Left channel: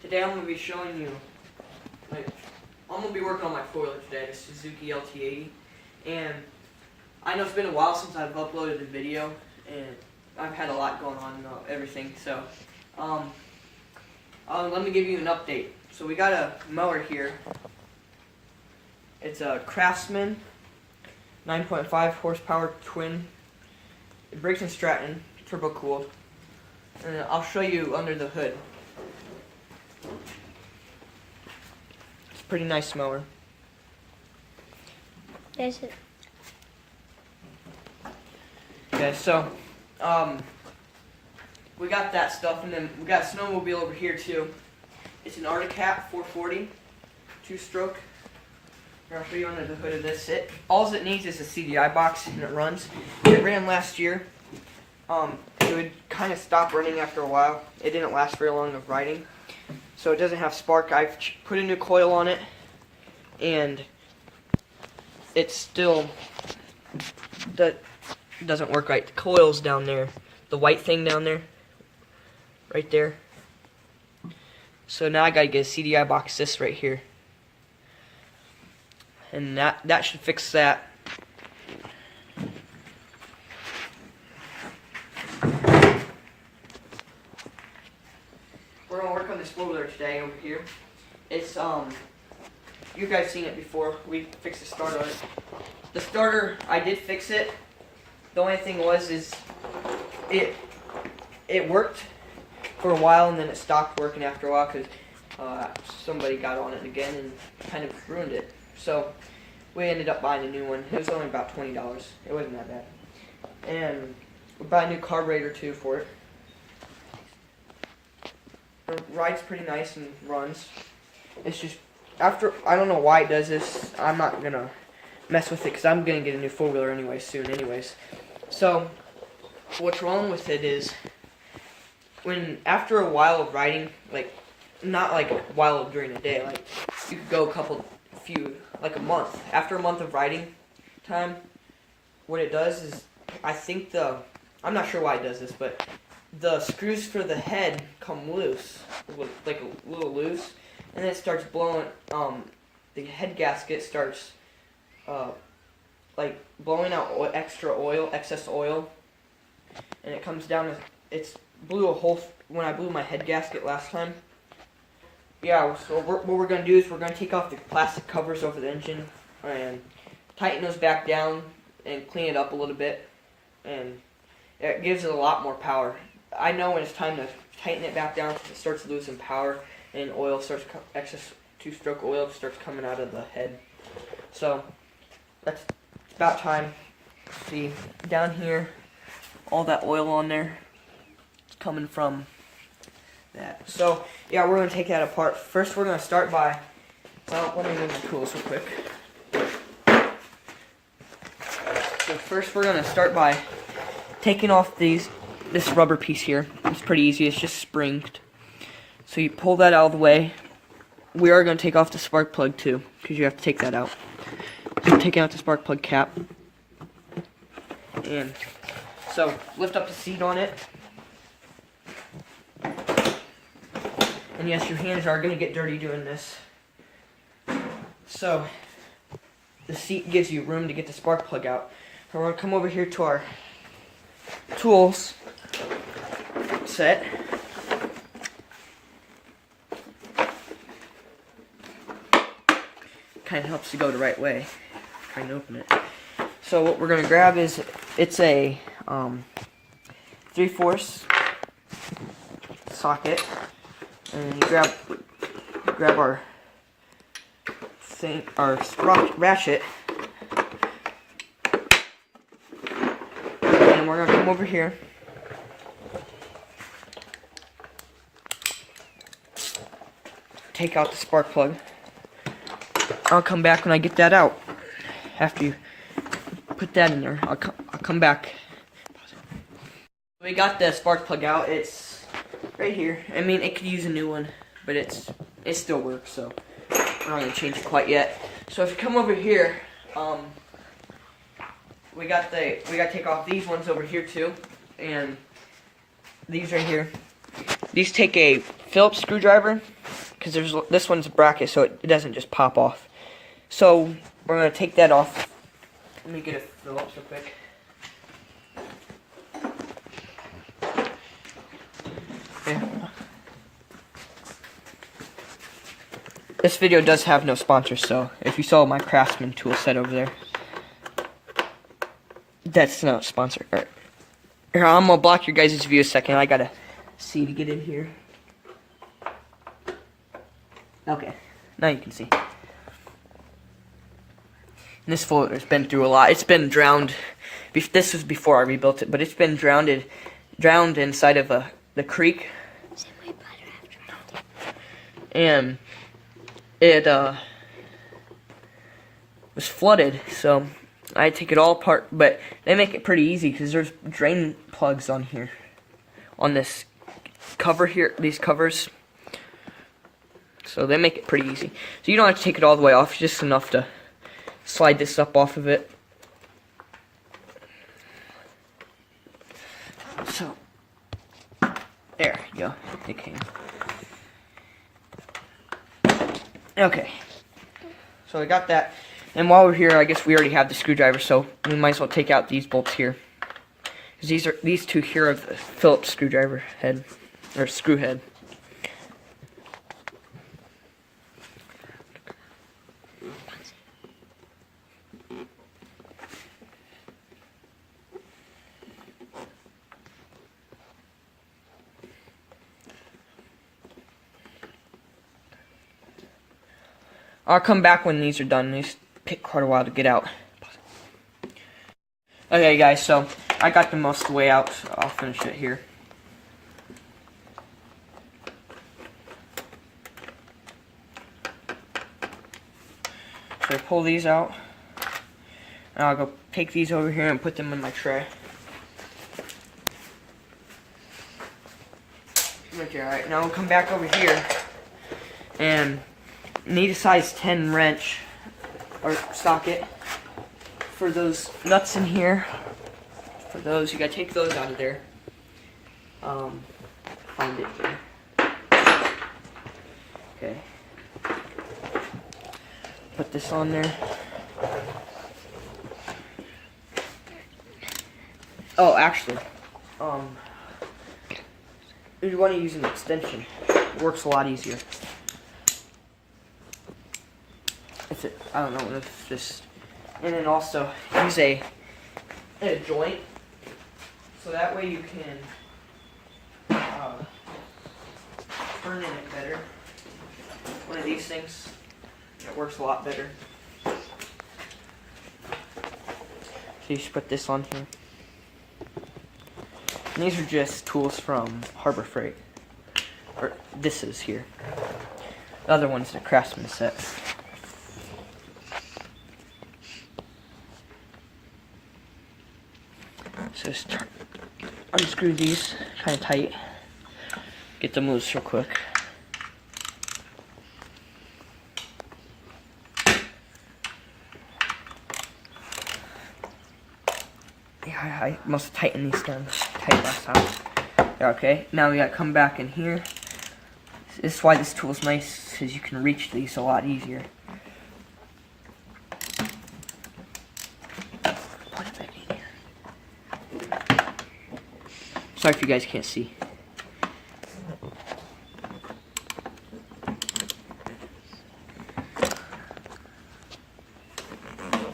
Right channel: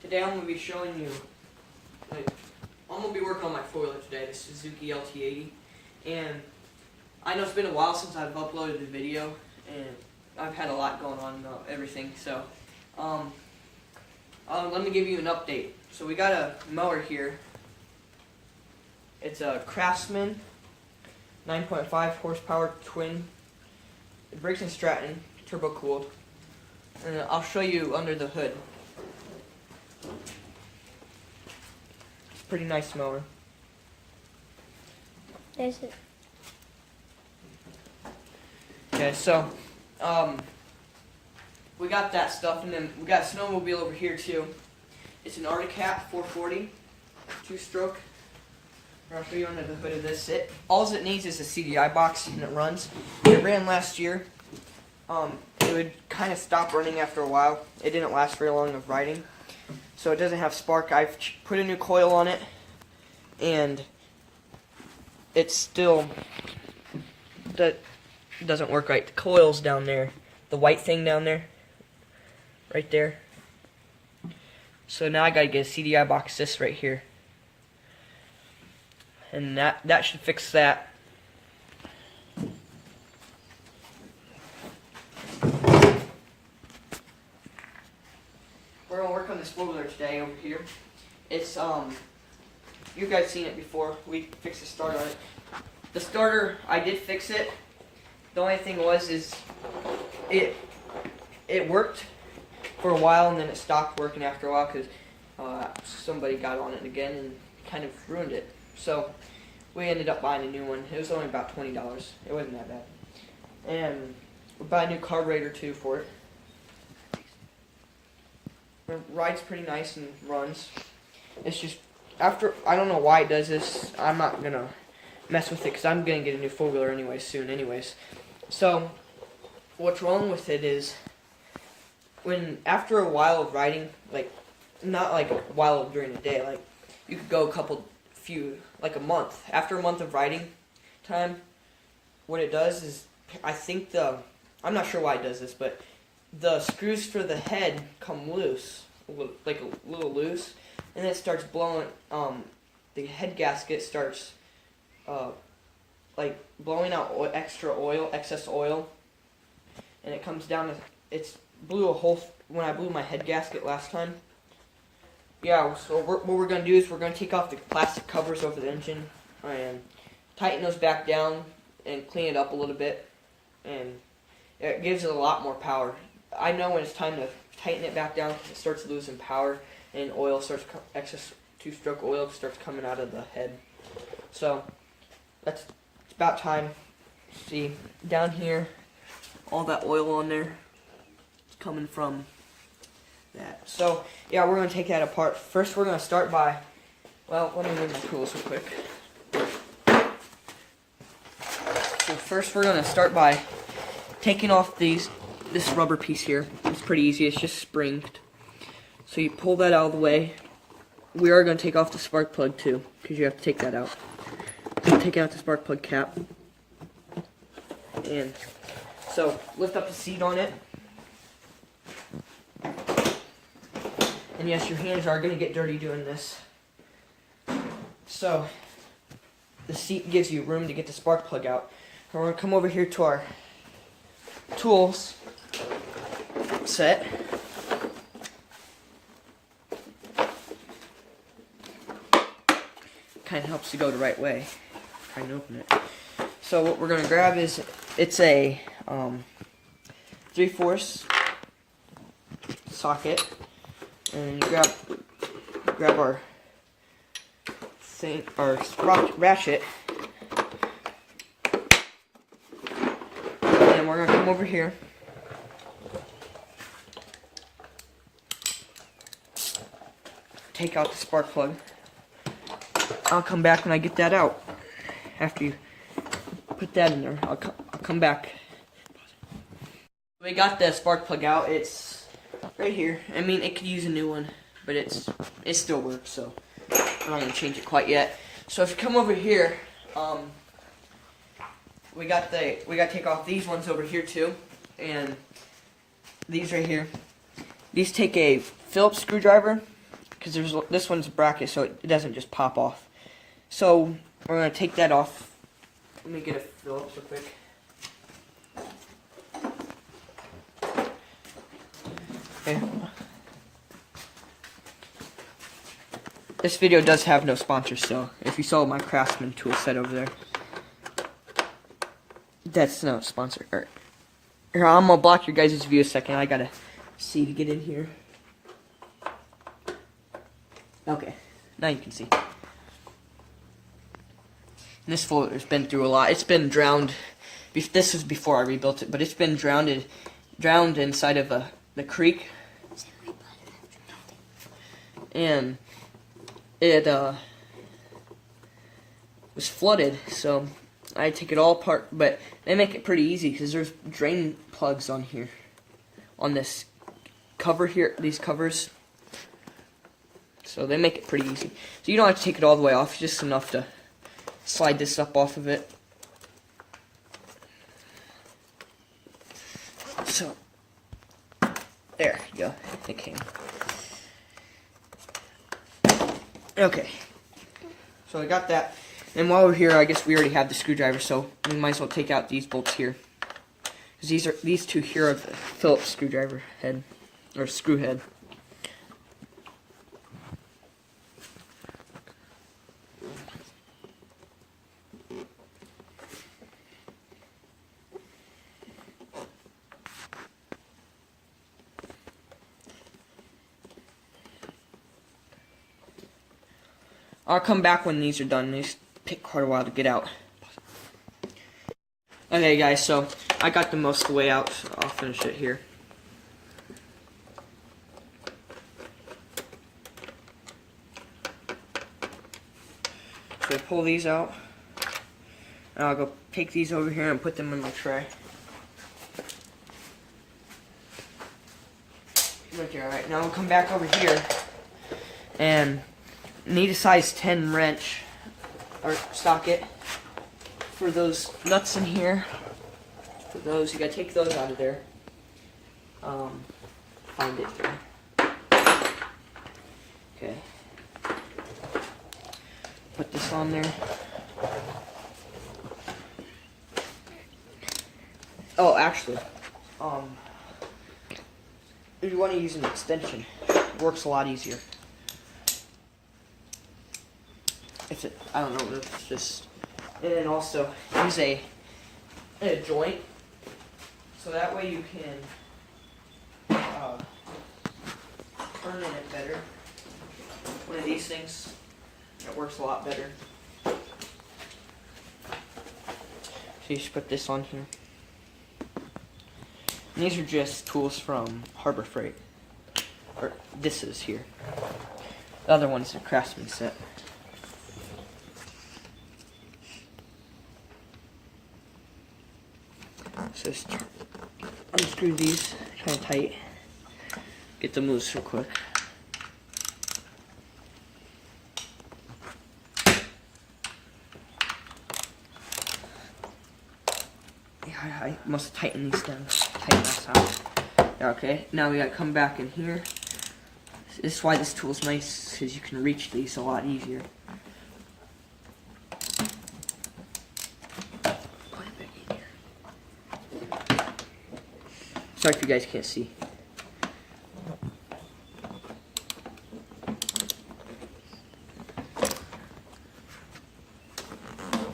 Today I'm going to be showing you, I'm going to be working on my four-wheeler today, the Suzuki LT80, and I know it's been a while since I've uploaded a video, and I've had a lot going on, everything, so, let me give you an update. So we got a mower here. It's a Craftsman 9.5 horsepower twin. It Briggs & Stratton, turbo cooled. And I'll show you under the hood. It's a pretty nice mower. There's it. Okay, so we got that stuff, and then we got a snowmobile over here too. It's an Arctic 440 two-stroke. I'll show you under the hood of this. All it needs is a CDI box, and it runs. It ran last year. It would kind of stop running after a while. It didn't last very long of riding, so it doesn't have spark. I've put a new coil on it, and it's still doesn't work right. The coil's down there, the white thing down there, right there. So now I gotta get a CDI box, this right here, and that should fix that. We're gonna work on this four-wheeler today over here. It's you guys seen it before. We fixed the starter on it. The starter, I did fix it. The only thing is it worked for a while, and then it stopped working after a while because somebody got on it again and kind of ruined it. So we ended up buying a new one. It was only about $20. It wasn't that bad. And we bought a new carburetor too for it. It rides pretty nice and runs. It's just, I don't know why it does this. I'm not going to mess with it because I'm going to get a new four-wheeler anyway soon anyways. So what's wrong with it is after a while of riding, like not like a while during the day, like you could go like a month. After a month of riding time, what it does is, I'm not sure why it does this, but the screws for the head come loose, like a little loose, and then it starts blowing, the head gasket starts, like blowing out excess oil, and it comes down, blew a hole when I blew my head gasket last time. Yeah, so what we're going to do is we're going to take off the plastic covers over the engine and tighten those back down and clean it up a little bit, and it gives it a lot more power. I know when it's time to tighten it back down because it starts losing power and excess two-stroke oil starts coming out of the head. So it's about time. See, down here, all that oil on there, it's coming from that. So yeah, we're going to take that apart. First we're going to start by, well, let me move my tools real quick. So first we're going to start by taking off this rubber piece here. It's pretty easy, it's just springed. So you pull that out of the way. We are going to take off the spark plug too, because you have to take that out. So I'm taking out the spark plug cap. And so lift up the seat on it. And yes, your hands are going to get dirty doing this. So the seat gives you room to get the spark plug out. So we're going to come over here to our tools set. Kind of helps to go the right way. Trying to open it. So what we're going to grab is, it's a 3/4 socket, and grab our ratchet, and we're going to come over here. Take out the spark plug. I'll come back when I get that out. After you put that in there, I'll come back. We got the spark plug out. It's right here. I mean, it could use a new one, but it still works. So we're not gonna change it quite yet. So if you come over here, we gotta take off these ones over here too, and these right here. these take a Phillips screwdriver, because this one's a bracket, so it doesn't just pop off. So we're going to take that off. Let me get a Phillips real quick. Okay. This video does have no sponsors, so if you saw my Craftsman tool set over there, that's not a sponsor. All right. Here, I'm going to block your guys' view a second. I got to see to get in here. Okay, now you can see. This floater's been through a lot. It's been drowned. This was before I rebuilt it, but it's been drowned inside of the creek. And it was flooded, so I take it all apart. But they make it pretty easy because there's drain plugs on here, on this cover here, these covers. So they make it pretty easy. So you don't have to take it all the way off, just enough to slide this up off of it. So, there you go, it came. Okay, so I got that. And while we're here, I guess we already have the screwdriver, so we might as well take out these bolts here. Because these two here are the Phillips screwdriver head, or screw head. I'll come back when these are done. These take quite a while to get out. Okay, guys, so I got the most of the way out, so I'll finish it here. So I pull these out, and I'll go take these over here and put them in my tray. Okay, alright, now we'll come back over here, and need a size 10 wrench, or socket, for those nuts in here. For those, you gotta take those out of there. Find it there. Okay. Put this on there. Oh, actually, if you want to use an extension, it works a lot easier. I don't know, it's just, and then also use a joint, so that way you can turn in it better. One of these things, it works a lot better. So you just put this on here. And these are just tools from Harbor Freight, or this is here. The other one's a Craftsman set. So just unscrew these kind of tight, get them loose real quick. Yeah, I must tighten these down. Tighten that out. There, okay. Now we gotta come back in here. This is why this tool is nice, because you can reach these a lot easier. Sorry if you guys can't see.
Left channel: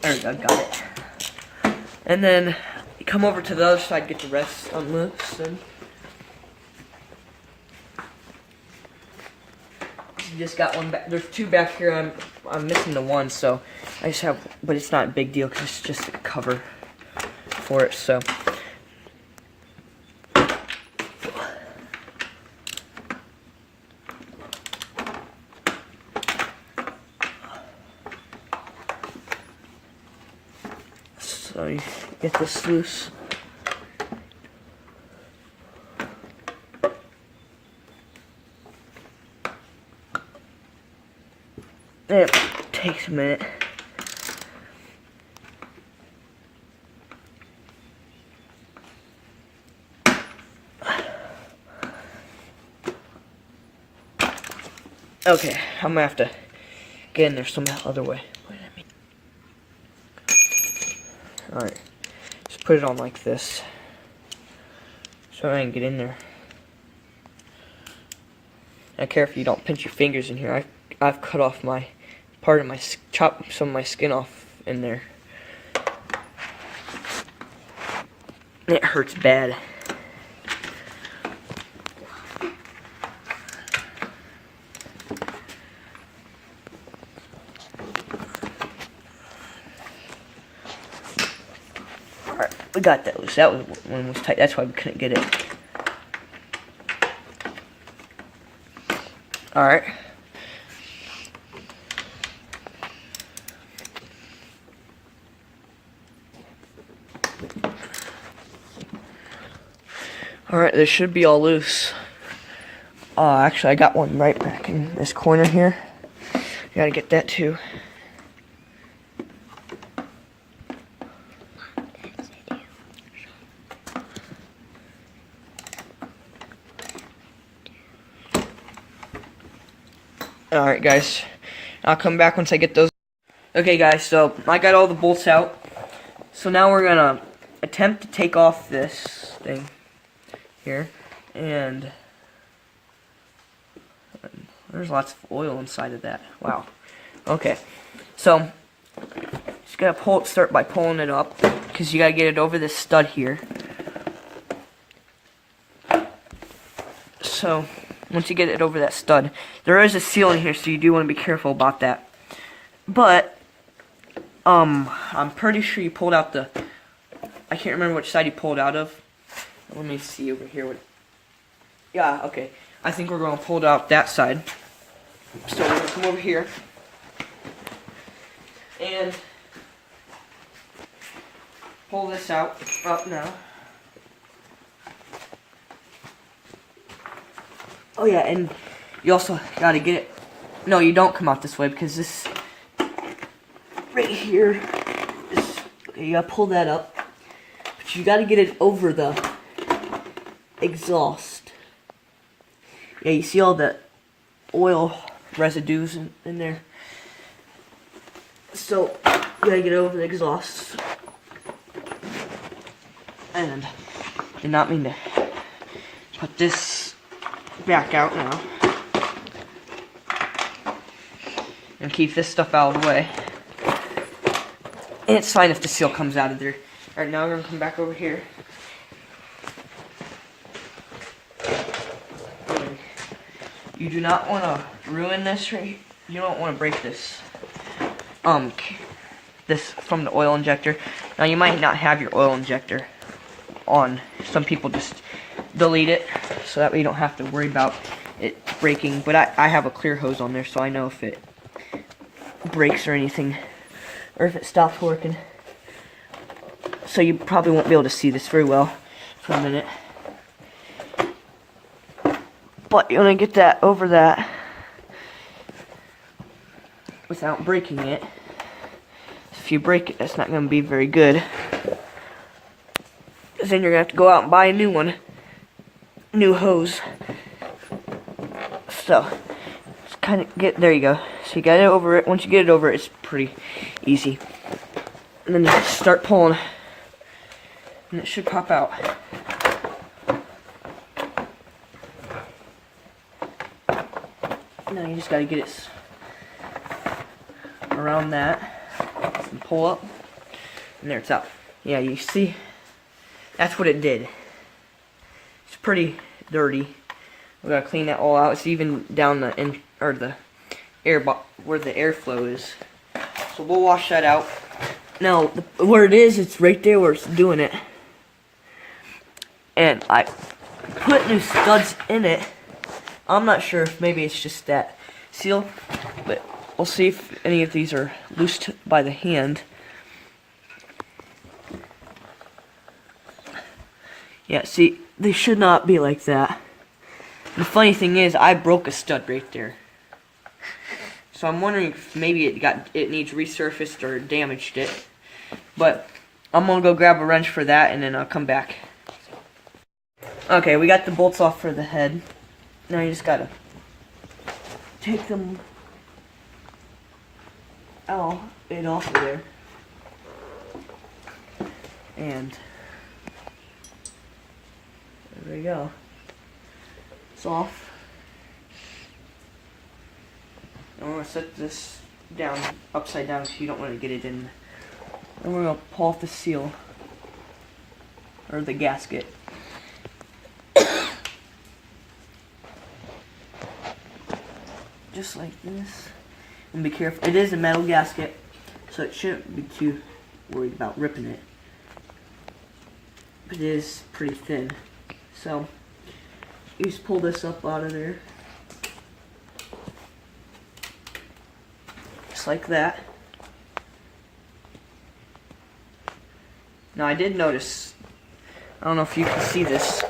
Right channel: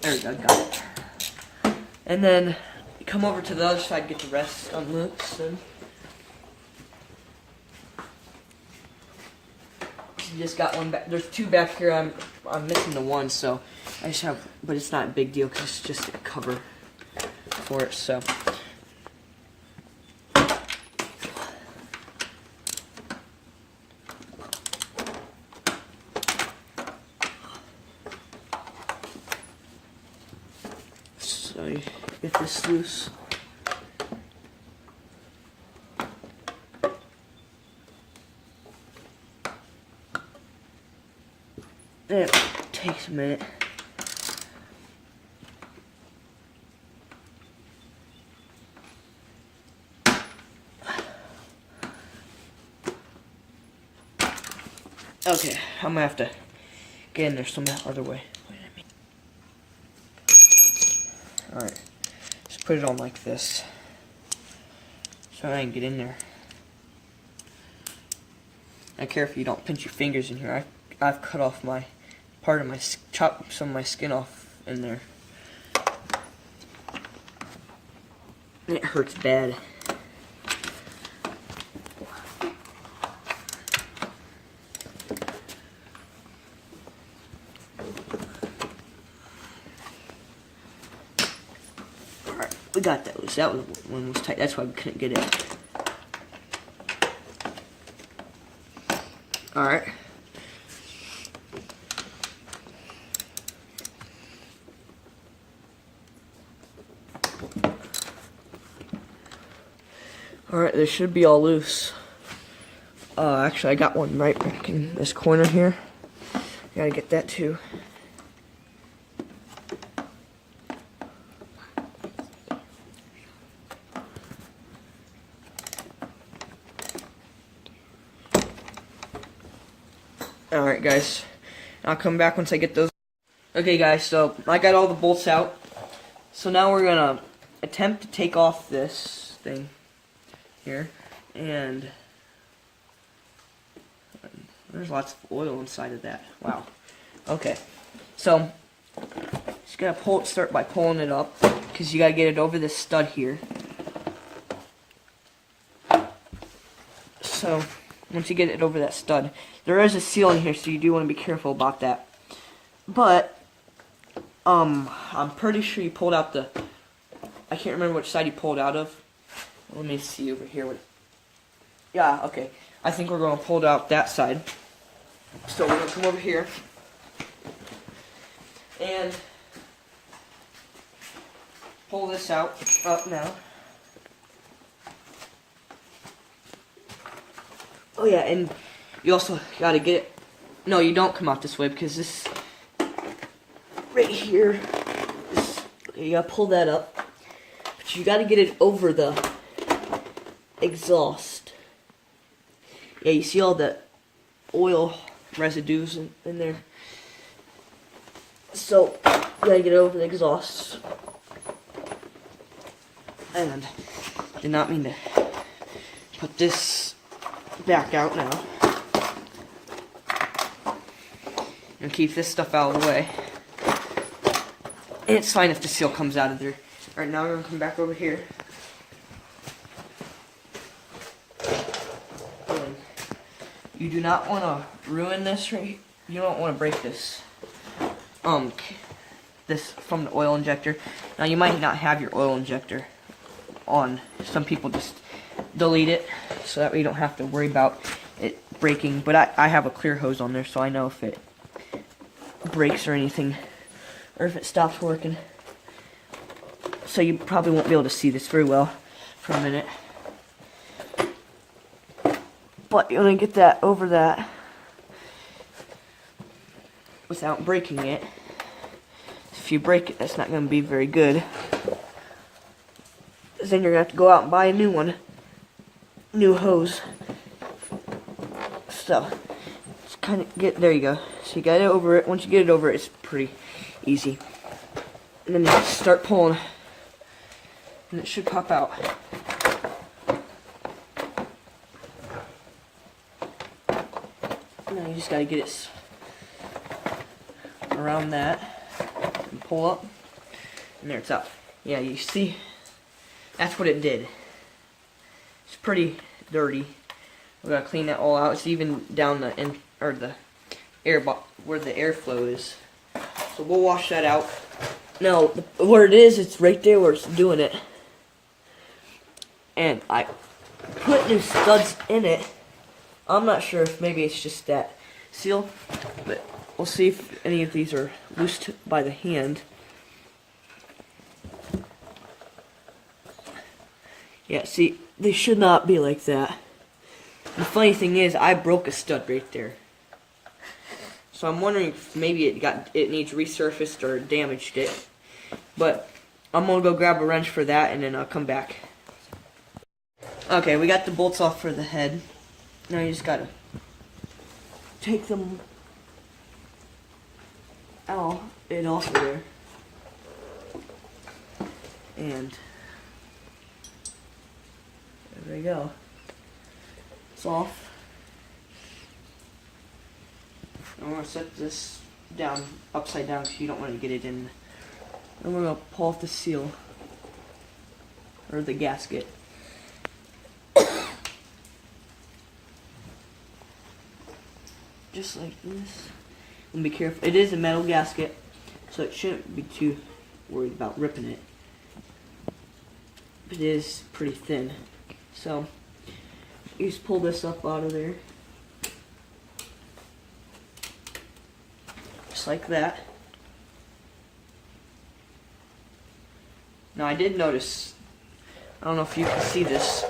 There we go, got it. And then you come over to the other side, get the rest unloosed. You just got one back. There's two back here. I'm missing the one, so I just have, but it's not a big deal because it's just a cover for it. So. So you get this loose. It takes a minute. Okay, I'm gonna have to get in there some other way. Alright, just put it on like this, so I can get in there. I don't care if you don't pinch your fingers in here. I've cut off my part of my, chopped some of my skin off in there. It hurts bad. Alright, we got that loose. That one was tight. That's why we couldn't get it. Alright. Alright, they should be all loose. Actually, I got one right back in this corner here. Gotta get that too. Alright guys, I'll come back once I get those. Okay guys, so I got all the bolts out. So now we're gonna attempt to take off this thing here. And there's lots of oil inside of that. Wow. Okay, so just gotta start by pulling it up, because you gotta get it over this stud here. So once you get it over that stud, there is a seal in here, so you do want to be careful about that. But I'm pretty sure you pulled out the, I can't remember which side you pulled out of. Let me see over here. Yeah, okay. I think we're going to pull it out that side. So we're going to come over here and pull this out now. Oh yeah, and you also gotta get it. No, you don't come out this way, because this right here is, okay, you gotta pull that up. But you gotta get it over the exhaust. Yeah, you see all the oil residues in there. So you gotta get it over the exhaust. And did not mean to put this back out now. And keep this stuff out of the way. And it's fine if the seal comes out of there. Alright, now we're going to come back over here. And you do not want to ruin this right here. You don't want to break this. This from the oil injector. Now you might not have your oil injector on. Some people just delete it, so that way you don't have to worry about it breaking. But I have a clear hose on there, so I know if it breaks or anything, or if it stops working. So you probably won't be able to see this very well for a minute. But you want to get that over that without breaking it. If you break it, that's not going to be very good. Because then you're going to have to go out and buy a new one. New hose. So, just kind of there you go. So you got it over it. Once you get it over it, it's pretty easy. And then you just start pulling. And it should pop out. Now you just got to get it around that. And pull up. And there it's out. Yeah, you see? That's what it did. It's pretty dirty. We gotta clean that all out. It's even down the the air where the airflow is. So we'll wash that out. Now, where it is, it's right there where it's doing it. And I put new studs in it. I'm not sure if maybe it's just that seal, but we'll see if any of these are loosed by the hand. Yeah, see, they should not be like that. The funny thing is, I broke a stud right there. So I'm wondering if maybe it needs resurfaced or damaged it. But I'm gonna go grab a wrench for that, and then I'll come back. Okay, we got the bolts off for the head. Now you just gotta take them out and off of there. And there we go. It's off. I'm going to set this down upside down because you don't want to get it in. And we're going to pull off the seal, or the gasket. Just like this. And be careful. It is a metal gasket, so it shouldn't be too worried about ripping it. But it is pretty thin. So, you just pull this up out of there. Just like that. Now I did notice, I don't know if you can see this,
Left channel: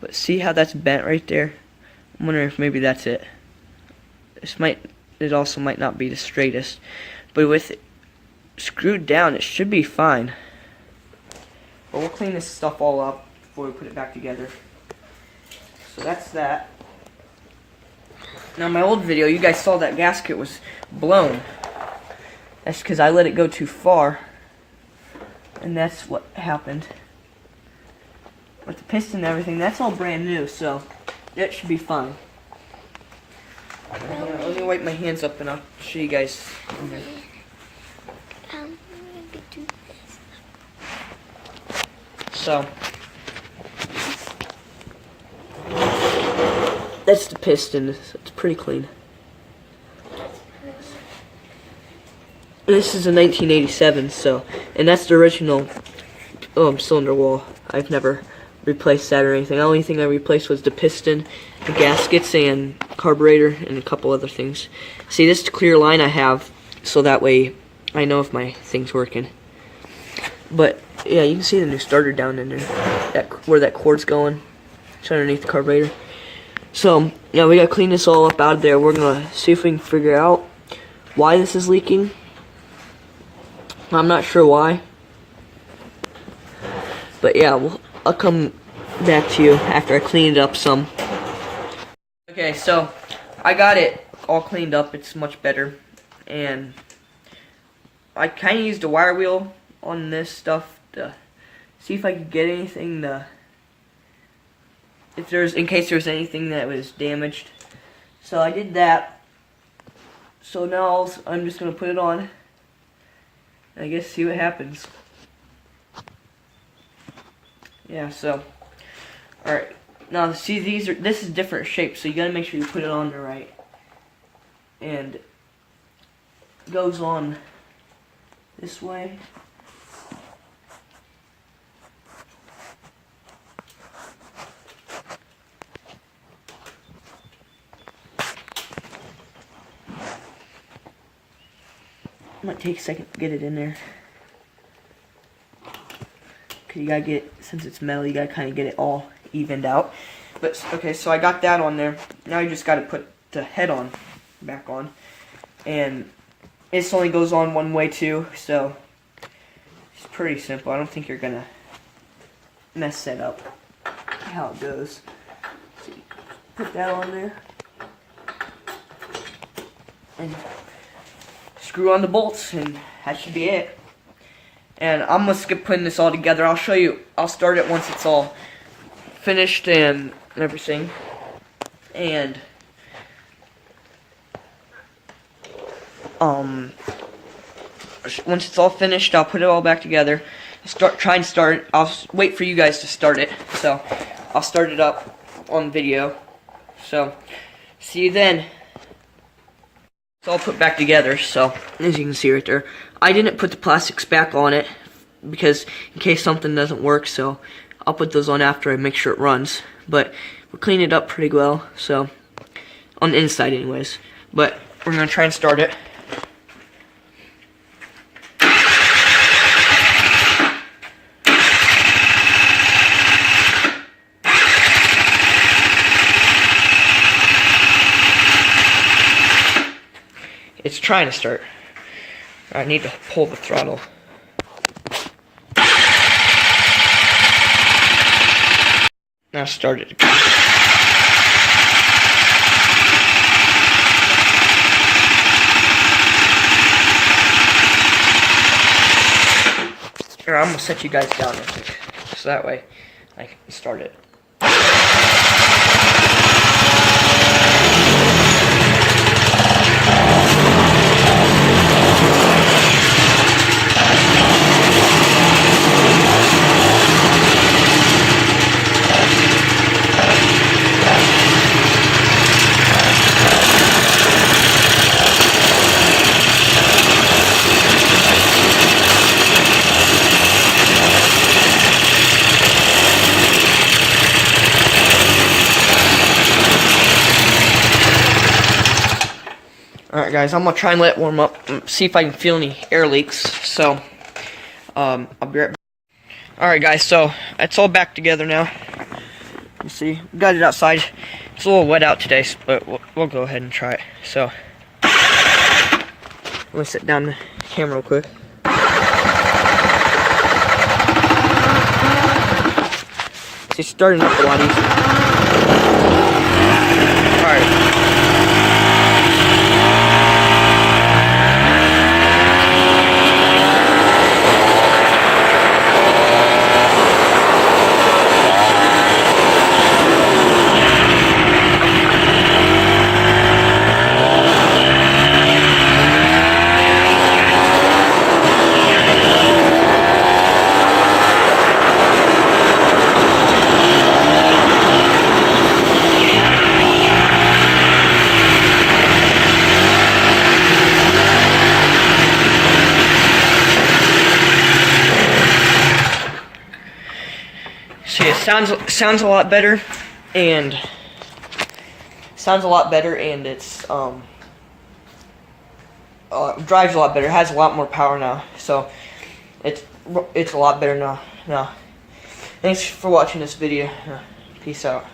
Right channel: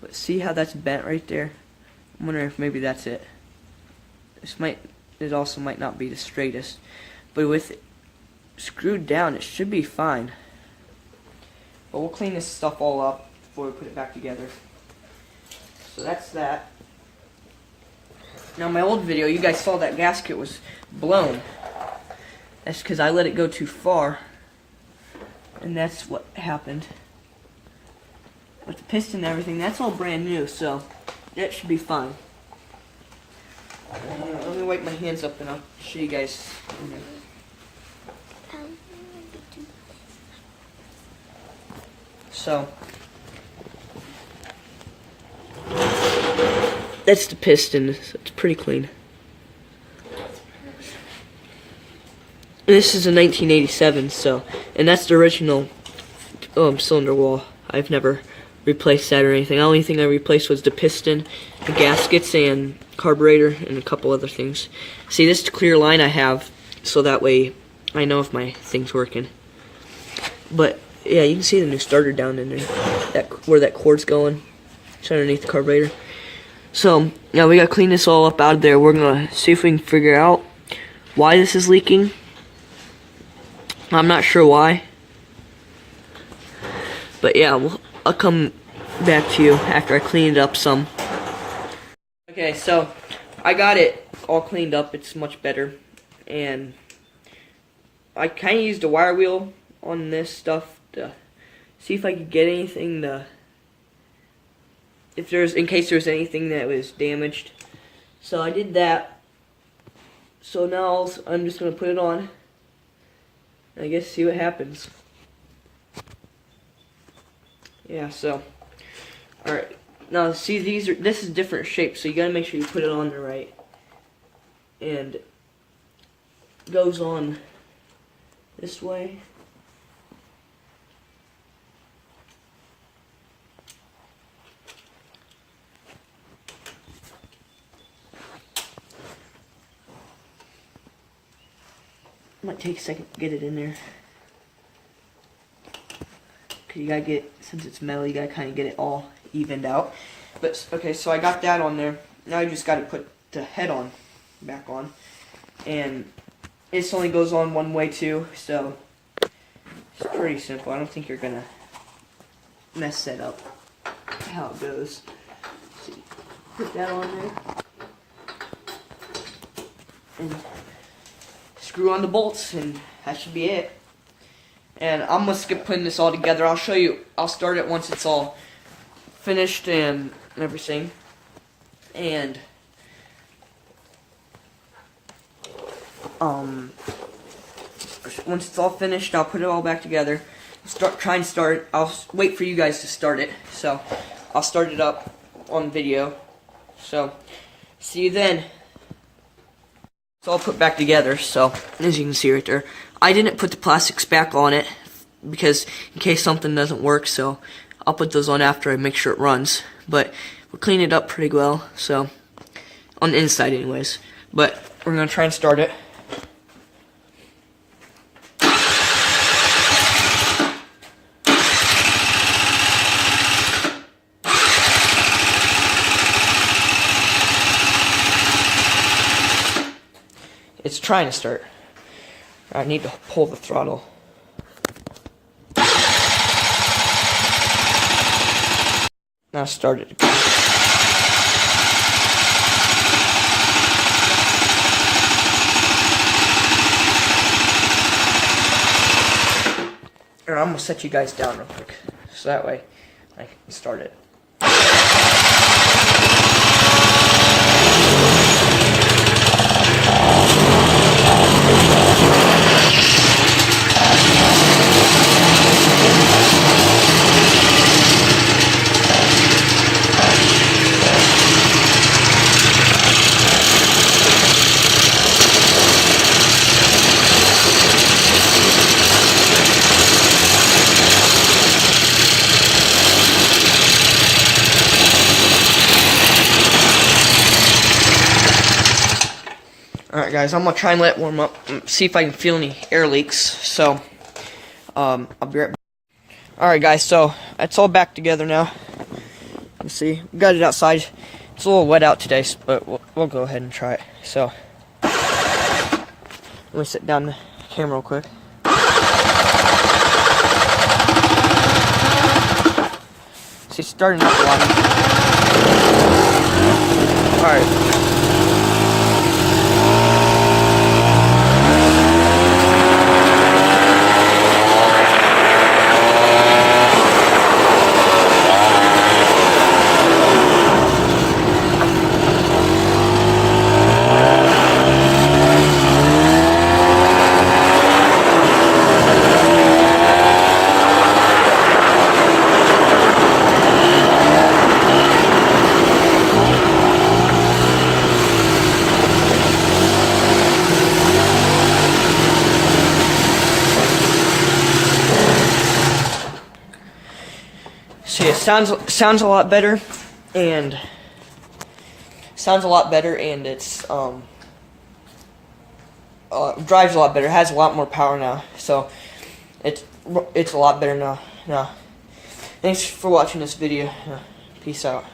but see how that's bent right there? I'm wondering if maybe that's it. It also might not be the straightest, but with it screwed down, it should be fine. But we'll clean this stuff all up before we put it back together. So that's that. Now, in my old video, you guys saw that gasket was blown. That's because I let it go too far, and that's what happened. But the piston and everything, that's all brand new, so that should be fine. Let me wipe my hands up and I'll show you guys. So, that's the piston. It's pretty clean. This is a 1987, so, and that's the original cylinder wall. I've never replaced that or anything. The only thing I replaced was the piston, the gaskets, and carburetor, and a couple other things. See, this clear line I have, so that way I know if my thing's working. But yeah, you can see the new starter down in there, where that cord's going. It's underneath the carburetor. So now we gotta clean this all up out of there. We're gonna see if we can figure out why this is leaking. I'm not sure why, but yeah, I'll come back to you after I clean it up some. Okay, so I got it all cleaned up. It's much better, and I kind of used a wire wheel on this stuff to see if I could get anything to, in case there was anything that was damaged. So I did that. So now I'm just gonna put it on. I guess see what happens. Yeah, so alright. Now see, this is different shape, so you gotta make sure you put it on the right. And it goes on this way. Might take a second to get it in there. Cause you gotta get, since it's metal, you gotta kind of get it all evened out. But okay, so I got that on there. Now you just gotta put the head on, back on, and this only goes on one way too. So it's pretty simple. I don't think you're gonna mess that up. How it goes. Let's see, put that on there, and screw on the bolts, and that should be it. And I'm gonna skip putting this all together. I'll show you. I'll start it once it's all finished and everything. And once it's all finished, I'll put it all back together. Try and start it. I'll wait for you guys to start it. So I'll start it up on video. So see you then. It's all put back together, so as you can see right there, I didn't put the plastics back on it because in case something doesn't work, so I'll put those on after I make sure it runs. But we're cleaning it up pretty well, so on the inside anyways. But we're gonna try and start it. It's trying to start. I need to pull the throttle. Now start it again. I'm gonna set you guys down real quick, so that way I can start it. Alright guys, I'm going to try and let it warm up, see if I can feel any air leaks, so, I'll be right back. Alright guys, so, it's all back together now. You see, we got it outside. It's a little wet out today, but we'll go ahead and try it. So, let me set down the camera real quick. See, it's starting up a lot easier. Alright. See, it sounds a lot better, and it's drives a lot better. It has a lot more power now, so it's a lot better now. Thanks for watching this video. Peace out.